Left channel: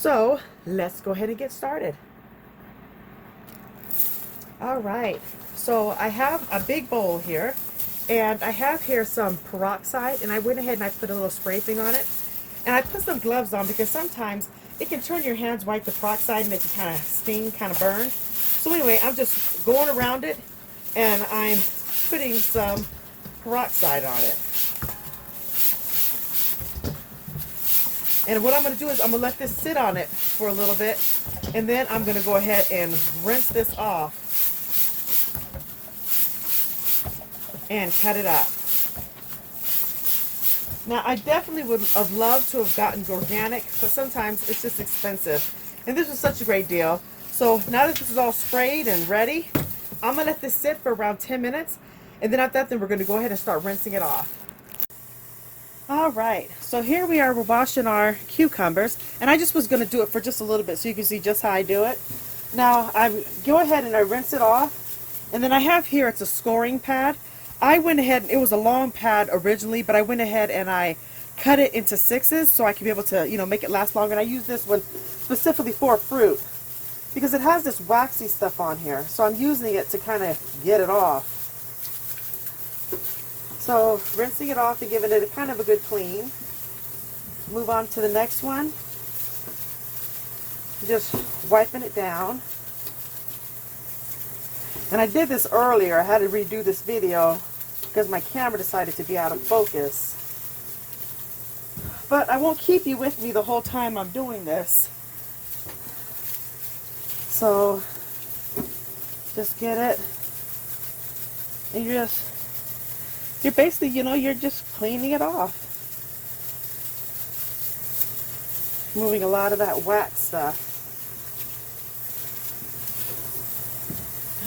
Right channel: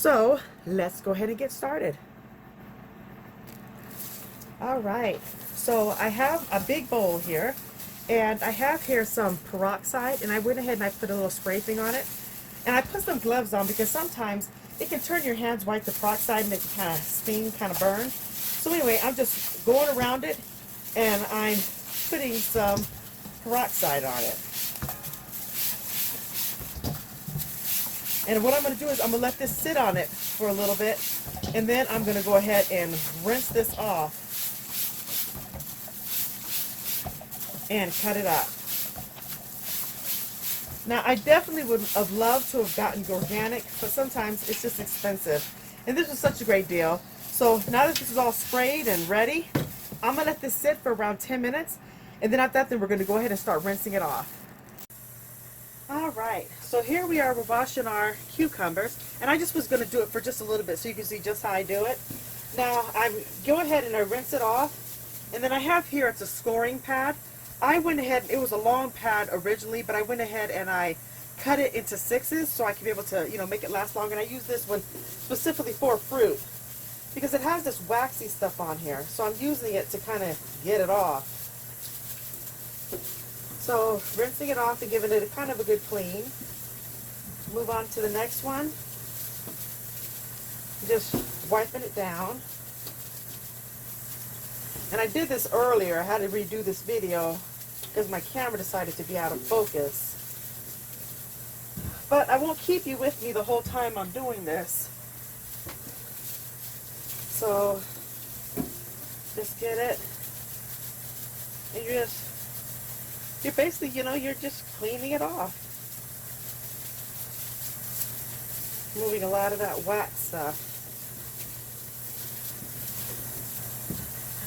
So let's go ahead and get started. All right, so I have a big bowl here, and I have here some peroxide, and I went ahead and I put a little spray thing on it, and I put some gloves on because sometimes it can turn your hands white, the peroxide, and it can kind of sting, kind of burn. So anyway, I'm just going around it, and I'm putting some peroxide on it. And what I'm going to do is I'm going to let this sit on it for a little bit, and then I'm going to go ahead and rinse this off and cut it up. Now, I definitely would have loved to have gotten organic, but sometimes it's just expensive. And this was such a great deal. So now that this is all sprayed and ready, I'm going to let this sit for around 10 minutes. And then after that, then we're going to go ahead and start rinsing it off. All right, so here we are, we're washing our cucumbers. And I just was going to do it for just a little bit so you can see just how I do it. Now, I go ahead and I rinse it off. And then I have here, it's a scoring pad. I went ahead, it was a long pad originally, but I went ahead and I cut it into 6s so I can be able to, make it last longer. And I use this one specifically for fruit because it has this waxy stuff on here. So I'm using it to kind of get it off. So rinsing it off and giving it a kind of a good clean. Move on to the next one. Just wiping it down. And I did this earlier. I had to redo this video because my camera decided to be out of focus. But I won't keep you with me the whole time I'm doing this. So just get it. And you're basically, you're just cleaning it off. Moving a lot of that wax stuff.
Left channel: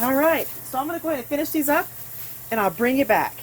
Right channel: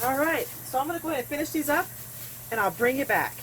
All right, so I'm going to go ahead and finish these up, and I'll bring you back.